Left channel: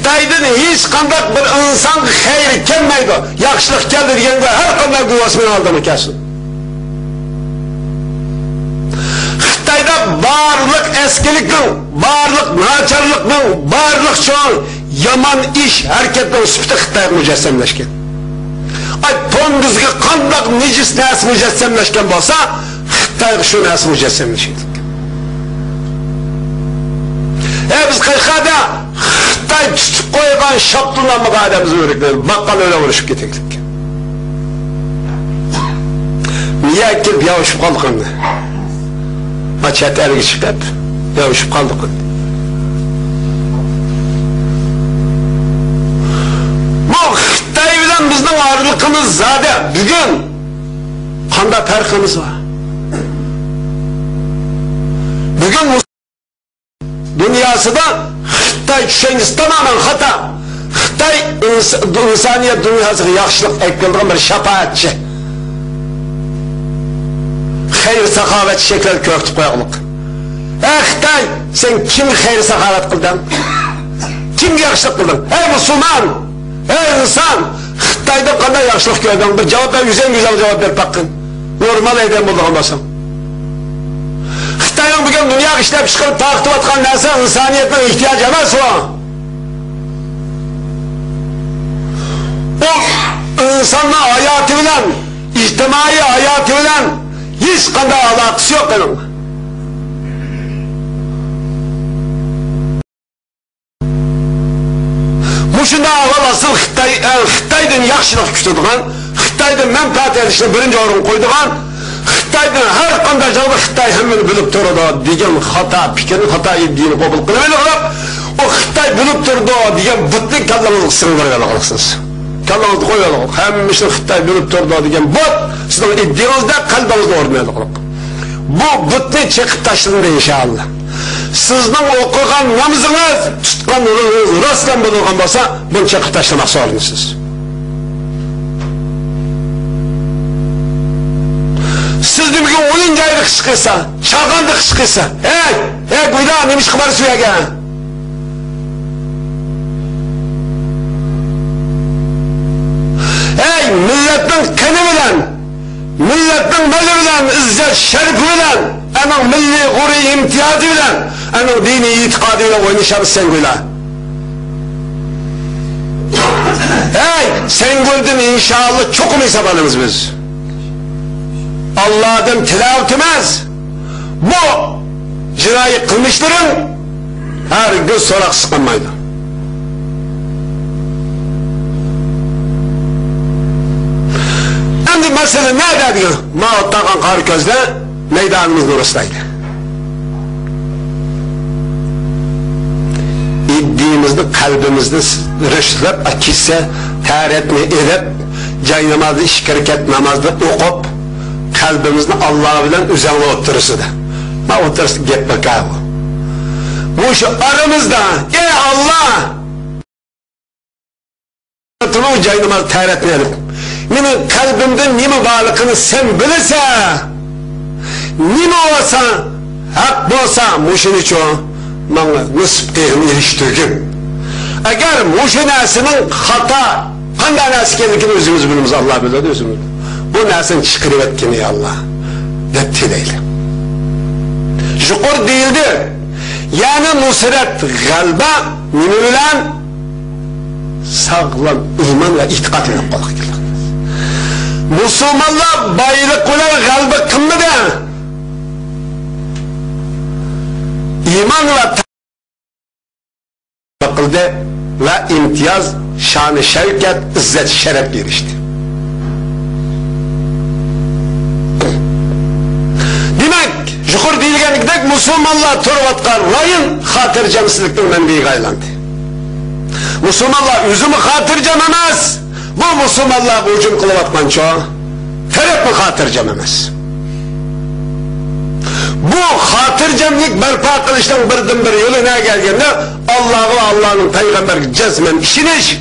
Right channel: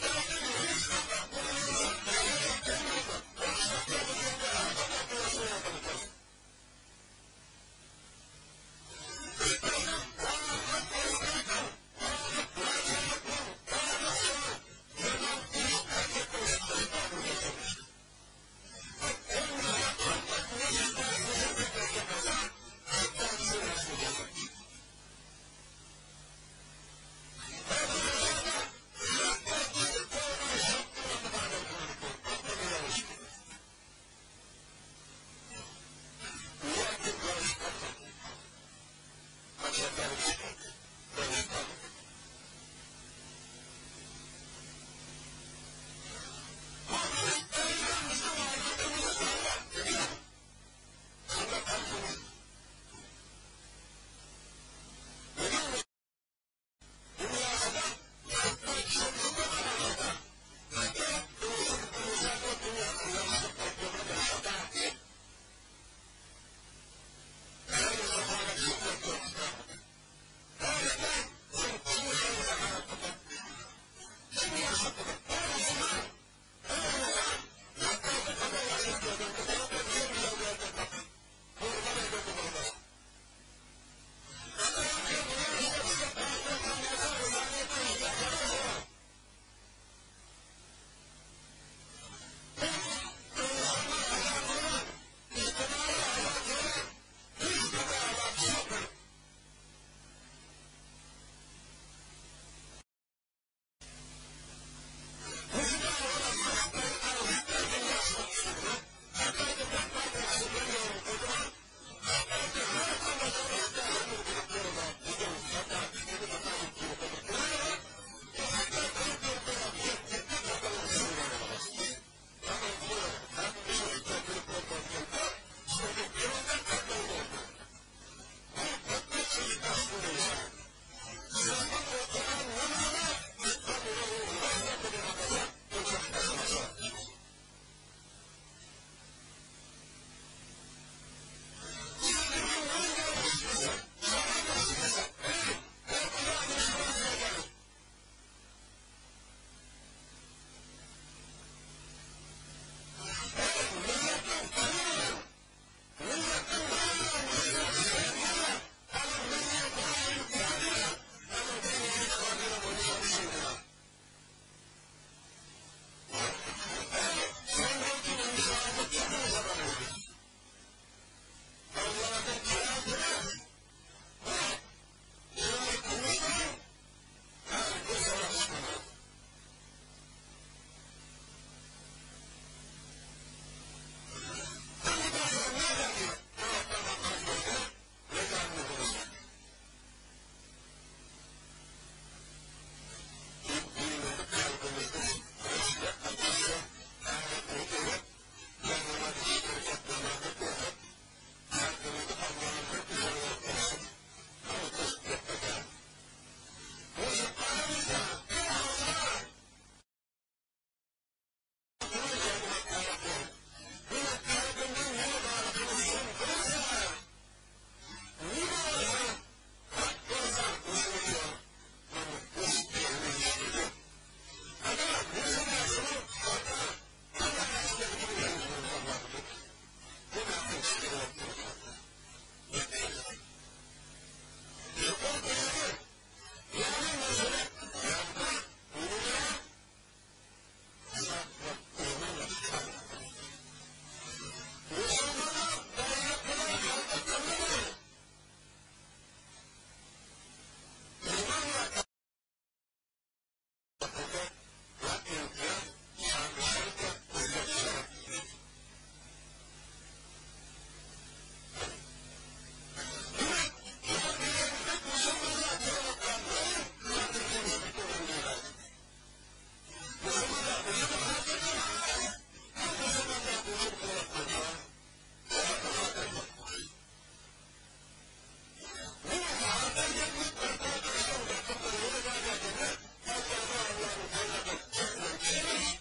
Xitoydan hech qanday bir inson xayri kelmaydi. Yaxshilik keldi deganda har qanday guvoh bilan oldimi kelsin. Xitoyda barliq eskilikning, barliq nacharlikning, barliq cho'ng yomon ish harakatning sifati Xitoy mujassamlashgan. Ay to'ngizga qanday nejis narsa mujassamlashgan bo'lsa, Xitoy shu narsa mujassamlashadi. Biz qayerda Xitoy tutib qo'ygan shaptunamga adamimiz o'riklar baqqal o'la urishib ketaylik. Niye kelib yavishib qoldik endi? Chet elga chiqib yavishib qoldik. Bu Xitoy bilan bizning orliqimiz zada bugun qanday farqimiz var? Bugun dünyasında Xitoy tushunchasi tamamen xato. Xitoy insoniyat dunyosiga yaxshilik aytgan bir shafaatchi. Xayr saxovat shekil ko'rtib qo'yaqliq. Xitoy, sen kim xayr saxovat qilding? Kim yaxshilik qilding? Ey musulmon, ey inson, Xitoyda qanday yaxshilik ko'rding? Bir javob ber, güzel javob ber paqin. Normal aydan bo'lgan bo'lsam. Xitoyning bugun dunyoga ishlab chiqarib taqdim etgan narsa insoniyatning ehtiyoji emas o. O insonning hayoti bilan, ijtimoiy hayoti bilan hech qanday aloqasi yo'q uning. Mushunda avval asıl Xitoydan yaxshilik kutadigan, Xitoydan manfaat olishni birinchi o'ringa qo'ydigan, Xitoydan har qanday joyda Xitoy hammani bilib turadi degan xato fikrni, xato iddiani qabul qilmaylik. O Xitoy bilib turdi degan butni kallamizga singdirgan qilasiz. Kallangizni qo'yaylik. Hammasi Xitoy bilib turdi degan but sizning iddiyongizda qalbingizda o'rnaydi. Bu butni chiqib tashlandi inshaalloh. Sizning o'qigan namozingiz, tutgan rostdan bo'lgan bo'lsa, buni chiqib tashlamoq zorlisiz. Sizni bugun o'yin joyida ish qilsa, chaqanda ish qilsa, quyda nima ish qilib suyagan? Millatning qani bilan, millatning mali bilan, izzat sharifi bilan, ana milliy g'urur imtiyozi bilan, ana diniy e'tiqodi bilan o'ynashamiz sen qo'yla. Sen gördün inşallah çok mu hesaplanırız biz? Allah'dan tilavet etmez. Bu cinayı kılmışların her gün sorak sıkılmaydı. Şimdi mesele nerede diyor? Mağattakan Karköz'de meydanımızın orasındaydı. İddiğimizde, kalbimizde rüştlep, akisse, taharetini edip, cay namazı, iş hareket namazda okup, kalbimizde Allah bilen üzerine oturursudu. Ma oturursu gitmek abi. Bu şu aramızda, ey Allah! O cay namazı taharetini edip, benim kalbimde nime varlıkını sen bilirse, nime olsa, hak olsa, muşun için bana nısp ehini iliştirdim. Eğer muşun nesinin hata, hangi nesi kendikini özümüz bilimiz Allah bilir özümüz. Bu nesin çıkırıp etkini Allah. Dettileyle. Şukur değildir. Yani nusret galba, nime bilen sağlam iman ve itikat ile kolak gelir. Müslümanlar bayılık olan galba kımdı iman ve takıldı ve imtiyaz, şan-ı şevket, izzet, şeref girişti. Demek, şukur değilgenlikte Müslümanlar turvatkan rayın hatırcamsızlıktan menbeyi gaylandı. Müslümanlar üzümü hatırcam emez. Bu Müslümanlar ucum kılıvatman çoğu. Terep mi hatırcam emez. Bu hatırcamlık berpa kılıştan birden bir yolu ne geldiğinde Allah'ı ve Allah'ın peygamber cezmen işiniz.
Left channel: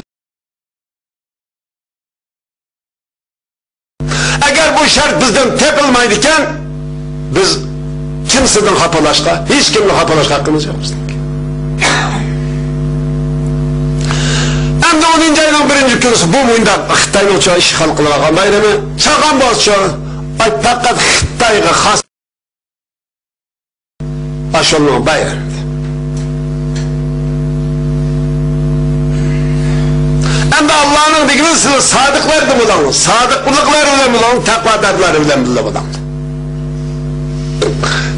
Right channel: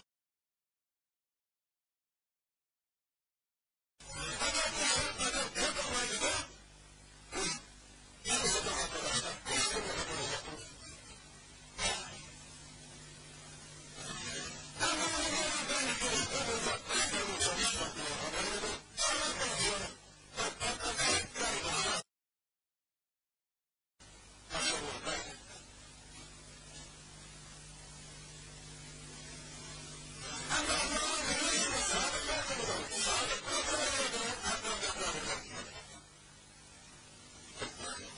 Eğer bu şart bizden tepilmeydiyken biz kimseden hapalaşka, hiç kimle hapalaşka hakkımız yok. Hem de 10. ayının 1. günüsü bu muyunda Xitay'ın uçağı işgal kılırken bayramı çağan bozçu. Ay fakat Xitay'a has aşılığın bayramı. Hem de Allah'ın dikini sadıklar da bulan, sadıklıklar bile bulan, takvadarlar bile bulan.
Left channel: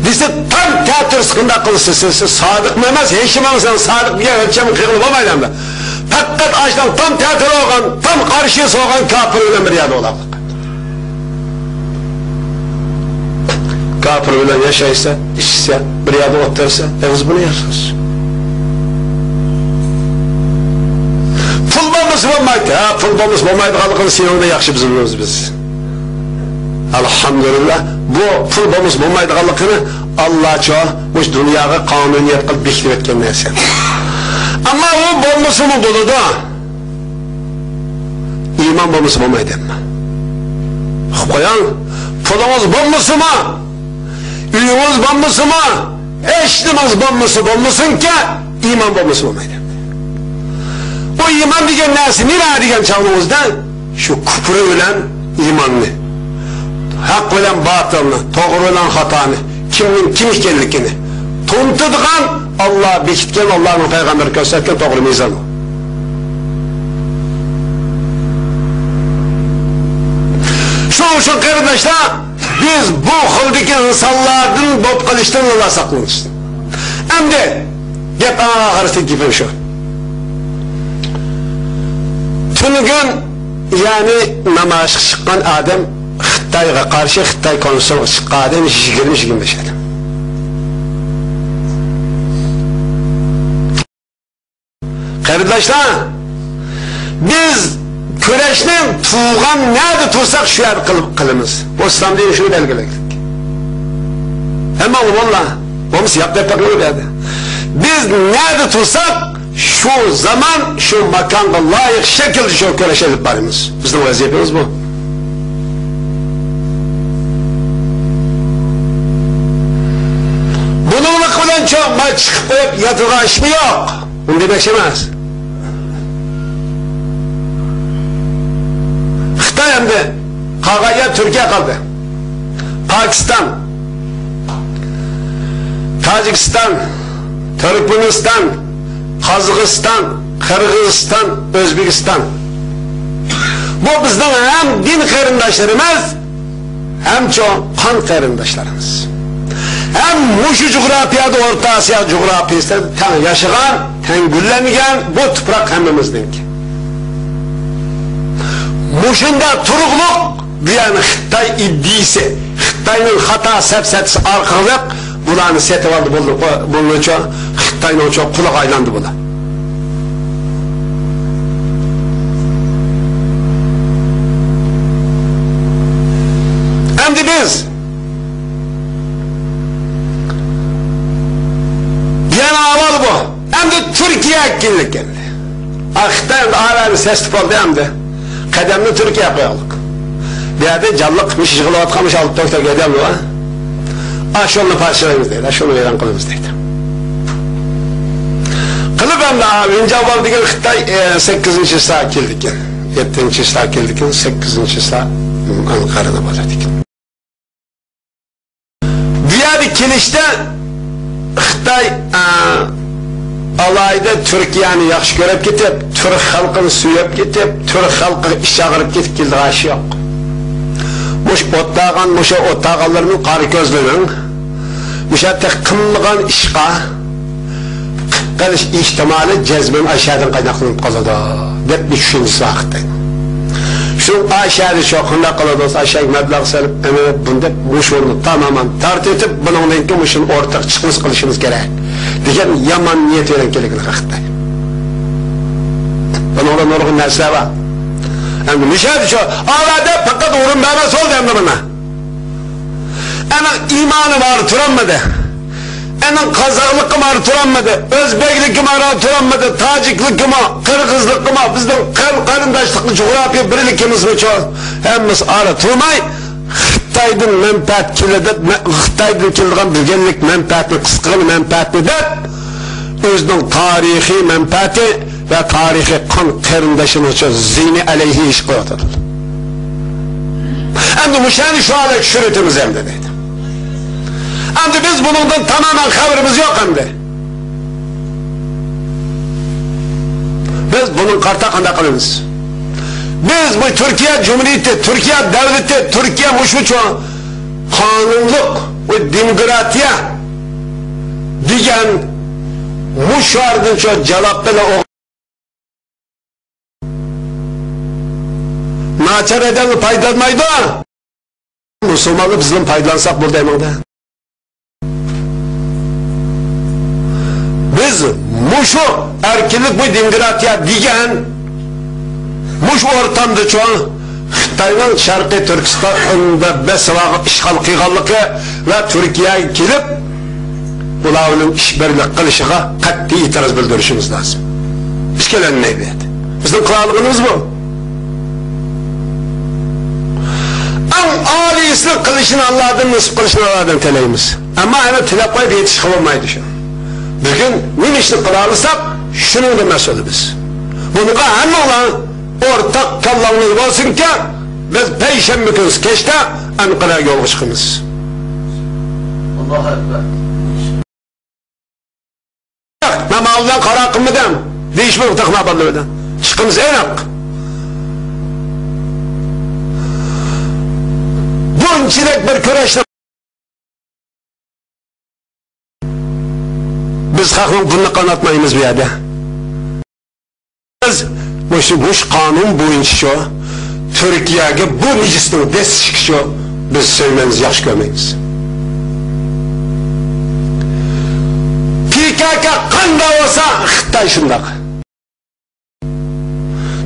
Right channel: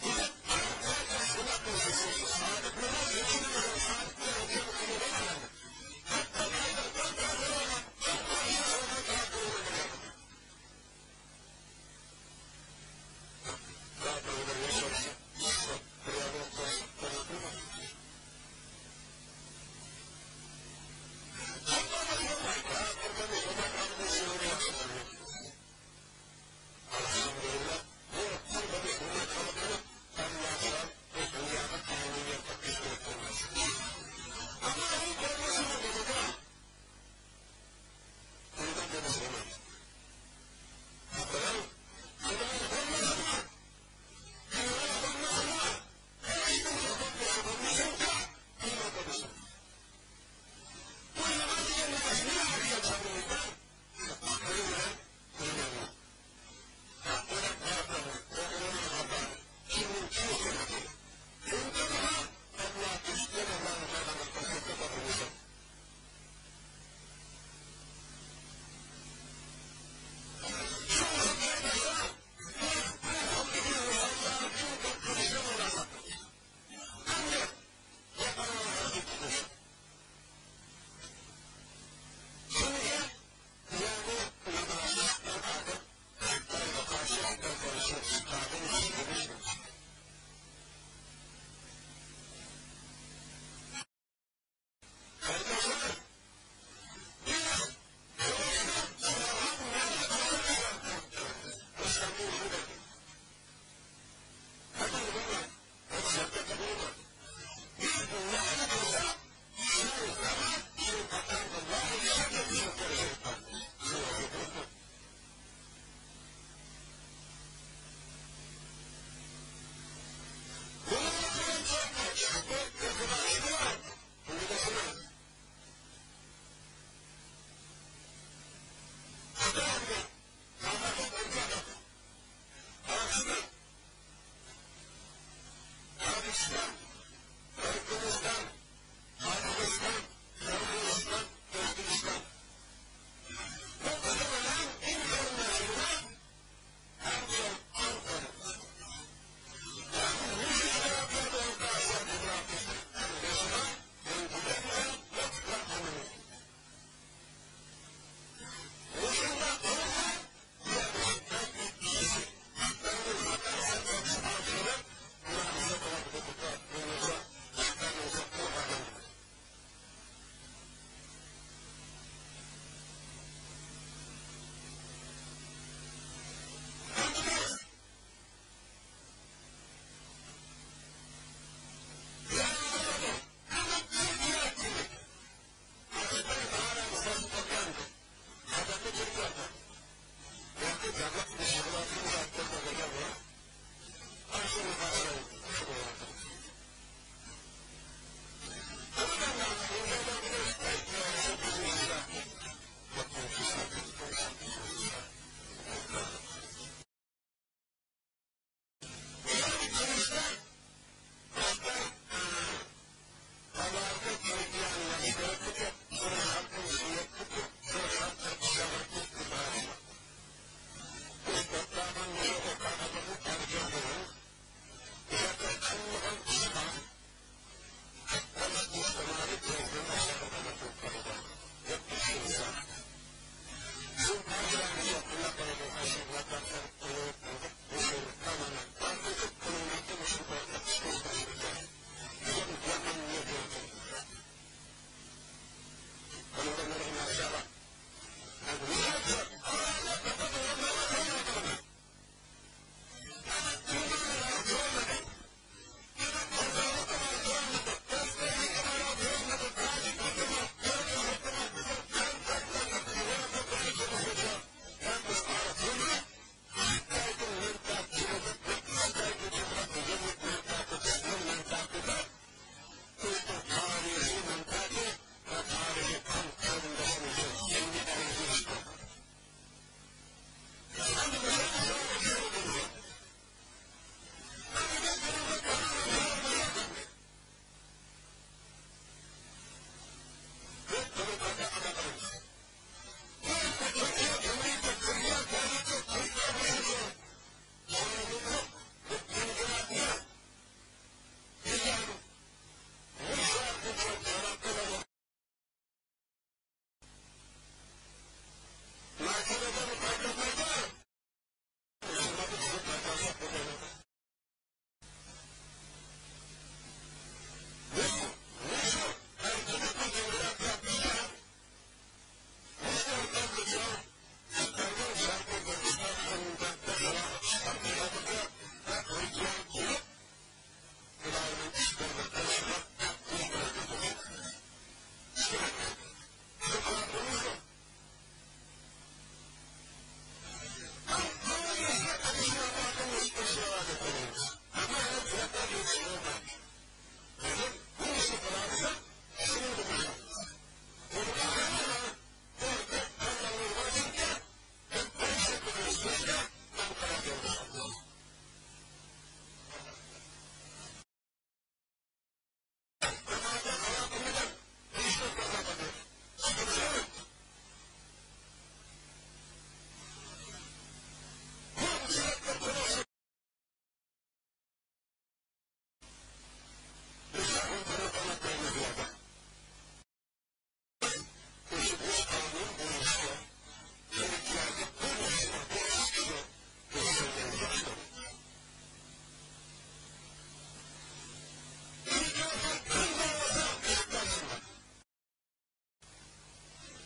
Bizde tam teatr sıkında kılsı siz sadık memez, heşimamızdan sadık bir ölçemi kıyılıp olmayla. Fakat açtan tam teatr olgan, tam karşıya soğan kafir ölen bir yerde olan. Kafir ölen yaşaysa, işse, bir yerde otursa, biz bunu yaşarız. Pulbamız olmaydı, pulbamız olmaydı, kalıkını sinonda yakşı bizim biliyoruz biz. Elhamdülillah, bu pulbamız olmaydı, kalıkını Allah çoğu, bu dünyaya kanuniyet kılıp bekliyor etken neyse. Ama o bolması mı dolu da, iman bolması olmaydı ama. Koyan, pulumuz bolması mı? Üyümüz bolması mı? Eşlimiz bolmasın ki, iman bolması olmaydı. O iman diyen nesi, nere diyen çağımızda? Şu küfrü ölen imanlı. Hak ölen batılını, doğru ölen hatanı, kimin kim işkenlikini. Tuntuduğun Allah bekitken, Allah'ın peygamberi gösterken doğru mizanı. Şu kardeşler, biz bu hıldaki insanların bop kılıçtan Allah saklanırız. Hem de, hep ağırsı gibi şu. Tünügün yani namaş çıkan adam Xitay'a karşı Xitay konusuna çıkan adam 20-25 adam. Kardeşler, biz küreşten tuğan nerede tutsak şu yer kılımız. O İslam diye şunu belgeledik. Hemen valla, olmuş yaptık bakıyordu. Biz nerede tutsak şu zaman, şu makanda layık şekilde şu küreş edip varımız. Bizim vaziyetimiz bu. Bununla kılan çok maç çıkıp koyup yatırga iş mi yok? Bunu demek şeymez. Xitay hem de Kagaya Türkiye kaldı. Pakistan, Tacikistan, Türkmenistan, Kazakistan, Kırgızistan, Özbekistan. Bu bizden hem din karındaşlarımız hem çok kan karındaşlarımız. Hem muşu coğrafyada Orta Asya coğrafyasında ten yaşayan, ten güllengen bu toprak hemimizden ki. Muşunda turukluk diyen Xitay iddisi, Xitay'ın hata sepsetisi arkalık bulanı setip aldı bunun için Xitay'ın çok kulak aylandı buna. Hem de biz yani aval bu. Hem de Türkiye hakkınlık geldi. Xitay'ın ağabeyini ses oldu hem de kademini Türkiye koyalım. Bir yerde canlıkmış, yığılavatkamış alıp doktor gidelim bu ha. Aşonlu parçalarımızdaydı, aşonlu veren kılımızdaydı. Kılıp hem de abi, önce aval diyen Xitay 8. sağa kildik. 7. sağa kildik, 8. sağa Ankara'da başladık. Diğer kilişte Xitay alayda Türkiye'ni yaxşı görüp gitip, Türk halkını suyup gitip, Türk halkı işe ağırıp gitip kildi aşı yok. Muş ottağın, muşa ottağanlarının qarı gözlünün, muşa tek kımlıgan işqa, qalish ihtimali cezmen aşağıdan kaynaklanıp kaladı. Dep bir düşüncesi vaxtaydı. Şu aşağıda çoğunda kaladı, aşağıya meblağ salip, bunda muş onu tamamen tart etip, bunun ki muşun ortak çıkmış kılışınız gerek. Diyen yaman niyet veren gerekli vaxtaydı. Bunun olan orgun nesle var. Hem de müşahede şu, ağlarda fakat uğrun bebes oldu hem de bana. Enin imanı var turanmadı. Enin Kazaklıkım var turanmadı. Özbeklikim var turanmadı. Taciklikim var, Kırgızlıkım var. Bizden karındaşlıklı coğrafya birlikimiz mi çok. Hemimiz ara turmay. Xitay'ın menfaat kirledip, Xitay'ın kirlediğin bilgenlik menfaatini, kıskığını menfaatini de özünün tarihi menfaati ve tarihi kan karındaşımız için zihni aleyhi iş koyuyordu. Hem de müşahede şu hale şürütümüz hem de dedi. Hem de biz bunundan tamamen haberimiz yok hem de. Biz bunun kartakında kalırız. Biz bu Türkiye Cumhuriyeti, Türkiye Devleti, Türkiye muşuçu kanunluk ve demokratiya diyen muşardın çok cevapları o naçar eden paylanmaydı. Müslümanlı bizim paylansak burada hemen de. Biz muşu erkinlik bu demokratiya diyen muş ortamda çoğun Xitay'ın Şarkı Türkistan'da besvağı işgal kıygallıkı ve Türkiye'ye gelip bulavının işbirlik kılışığa katli itiraz bildirişimiz lazım. İşkelen neydi? Bizim krallığımız bu. En âliyisini kılışını Allah'ın nasip kılışını Allah'ın teleyimiz. Ama hani tilak koyup yetişik olmayı düşün. Bugün ne işini kılarırsak şunun da mesulü biz. Bunu hem olan ortak kallamız olsun ki biz Peyşembe günü geçte Ankara'ya yol çıkımız. Allahu Ekber. Namazdan kara kımıdan değişmek takma ballıdan. Çıkımız en hak. Bu içinek bir küreşle biz halkın bunu kanatmayımız bir yerde. Biz bu kanun boyunca şu Türkiye'ye bu necisinin destek şu biz söylememiz yaş görmeyiz. PKK kanda olsa Xitay şundak.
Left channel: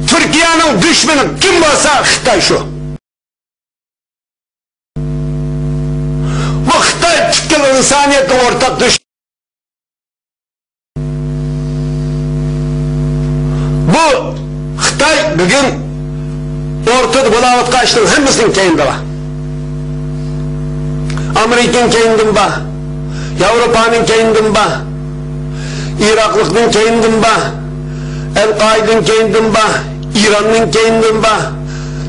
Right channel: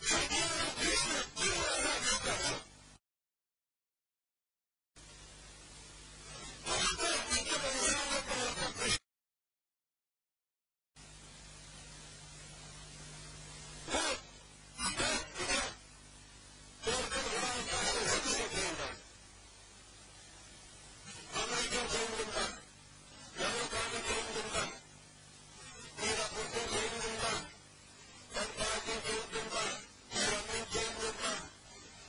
Türkiye'nin düşmanı kim olsa Xitay şu. Bu Xitay tükkel insaniyetin ortak düşmanı. Bu Xitay bugün ortada bulavat kaçtığın hemmisinin keyinde var. Amerika'nın keyinde var. Avrupa'nın keyinde var. Iraklık'ın keyinde var. El-Kaide'nin keyinde var. İran'ın keyinde var.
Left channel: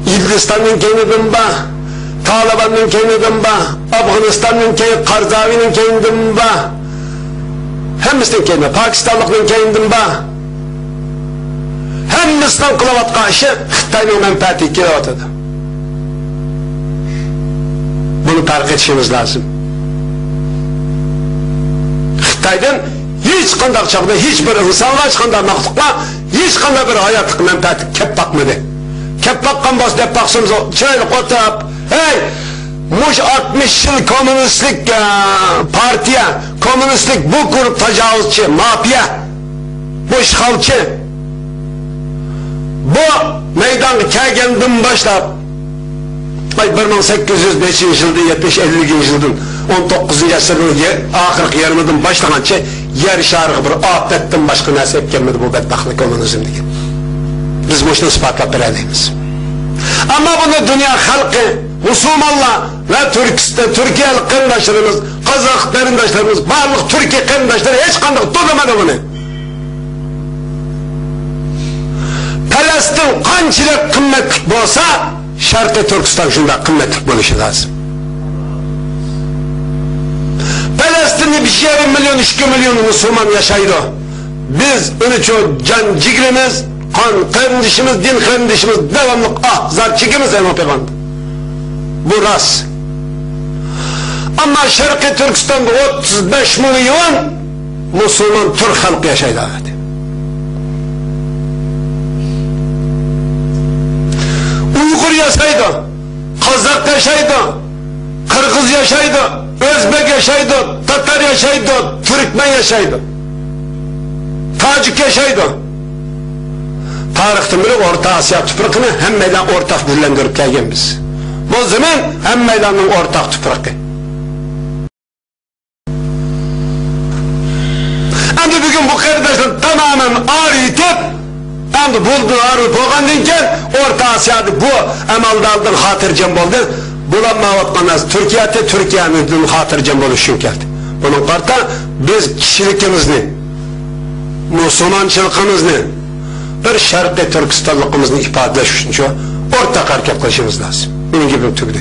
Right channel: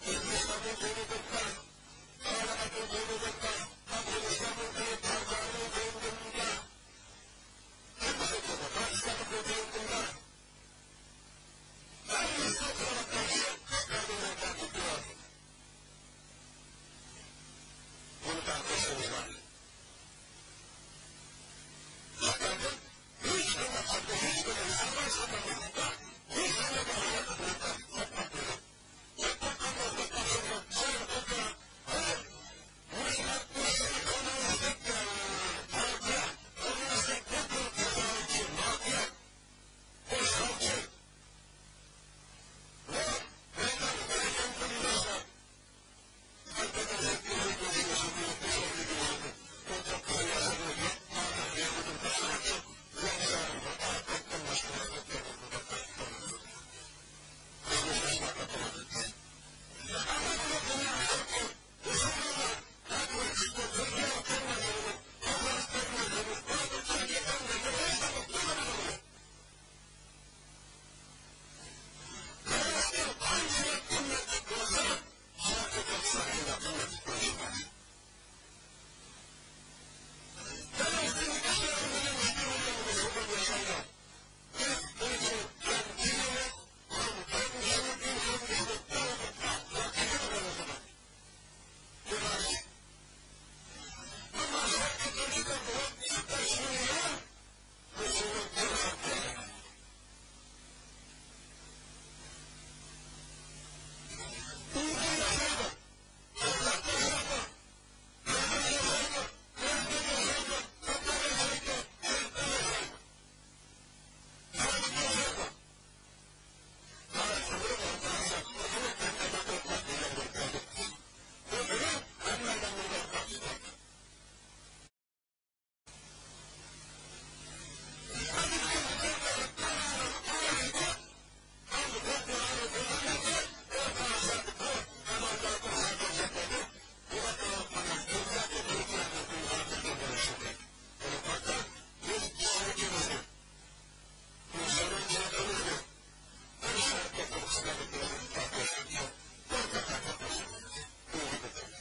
Hindistan'ın keyinde var. Taliban'ın keyinde var. Afganistan'ın keyinde var. Karzavi'nin keyinde var. Hemmisinin keyinde var. Pakistanlık'ın keyinde var. Hem Müslüman kılavat karşı Xitay'ın menfaati kılavat. Bunu fark etişimiz lazım. Xitay'dan hiç kandak çağda hiçbir insanlar çıkanda maktukla hiç kanda bir hayatlık menfaati kep bakmadı. Kep bakkan bas dep baksımız şöyle kotap hey muş 60 yıl komünistlik partiye komünistlik bu grup tecavüzçü mafya bu işgalçı bu meydan kelgendim başlap 1805 yılda 70-50 yılın 19. asırın ahırki yarımıdan başlagança yer şarkı bir afetten başka nasip gelmedi bu bedbahtlık komünizmdeki. Biz bu işini ispatlap vereliyimiz. Ama bunu dünya halkı, Müslümanlar ve Türkiye'li kardeşlerimiz, Kazak kardeşlerimiz, varlık Türkiye kardeşleri hiç kandık tutamadı bunu. Palestin kançılık kıymetlik olsa Şarkı Türkistan şunda kıymetlik buluşu lazım. Palestin'de bir şey 1 milyon 2 milyon Müslüman yaşaydı. Biz onu çok can cigrimiz, kan kardeşimiz, din kardeşimiz devamlı zar çekimiz Peygamber. Bu rast. Ama Şarkı Türkistan'da 35 milyon Müslüman Türk halkı yaşaydı. Uygur yaşaydı, Kazak yaşaydı, Kırgız yaşaydı, Özbek yaşaydı, Tatar yaşaydı, Türkmen yaşaydı, Tacik yaşaydı. Tarihten beri Orta Asya tüprakını hem meydan ortak birlendirip gelgen biz. Bu zaman hem meydanın ortak tüprakı. Hem de bugün bu kardeşler tamamen arayıtıp hem de buldu arayıp oğandınken Orta Asya'da bu emaldaldın hatırcam oldu. Bulanma vatmanaz Türkiye'nin hatırcam oluşun geldi. Bunun karta biz kişilikimiz ne? Müslümançılıkımız ne? bir Sharqiy Turkistonligimizni ifodalash uchun shu o'rtaq harakat qilishimiz lozim. Mening gapim tugdi.